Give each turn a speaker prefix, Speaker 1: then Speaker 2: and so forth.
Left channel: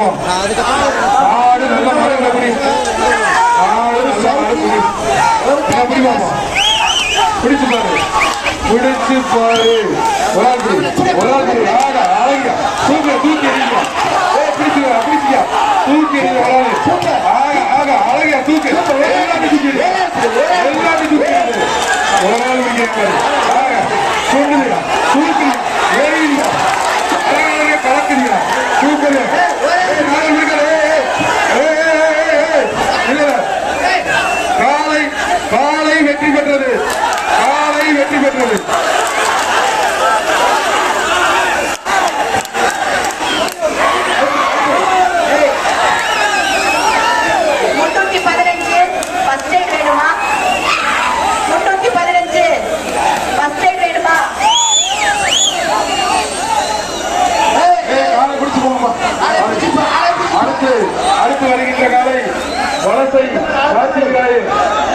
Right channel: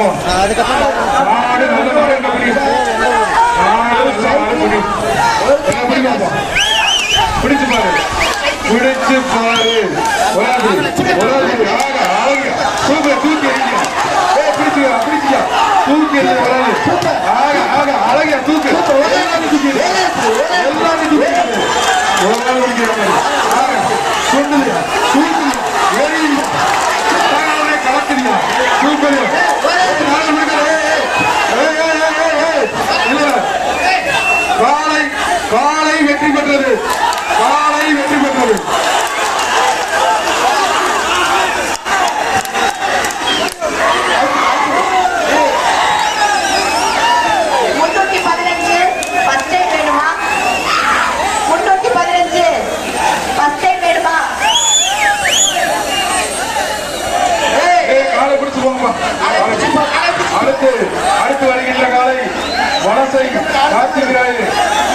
Speaker 1: பார்ப்போம் ஆடு மாடு என்ன ஆடு நல்ல மாடு என்ன பிடி பார்ப்போம் பிடிச்சு பாரு பிடிச்சு பாரு ஆக அழகா தூக்கு தூக்கி எறிங்க ஏய் பிடிச்சுக்கா பிடிச்சியா தூக்கி எறிங்க உலாது ஆக ஆக அழகா தூக்கு எல்லாமே தூக்கி எல்லாமே தூக்கி பிடிக்கிற மாதிரி ஆக சொல்லுங்க தூக்கி எறிங்க அழகாவே கலக்குறீங்க சூப்பர் நாலு பிடிக்கல ஏய், ஏய், ஏய், ஏய், ஏய், ஏய். இல்ல. காலை காலை வெற்றி பெற்றது. காலை வெற்றி பெற்றது. அடுத்து அடுத்து வருகின்ற காலை வலசை கார்த்திக் ராயே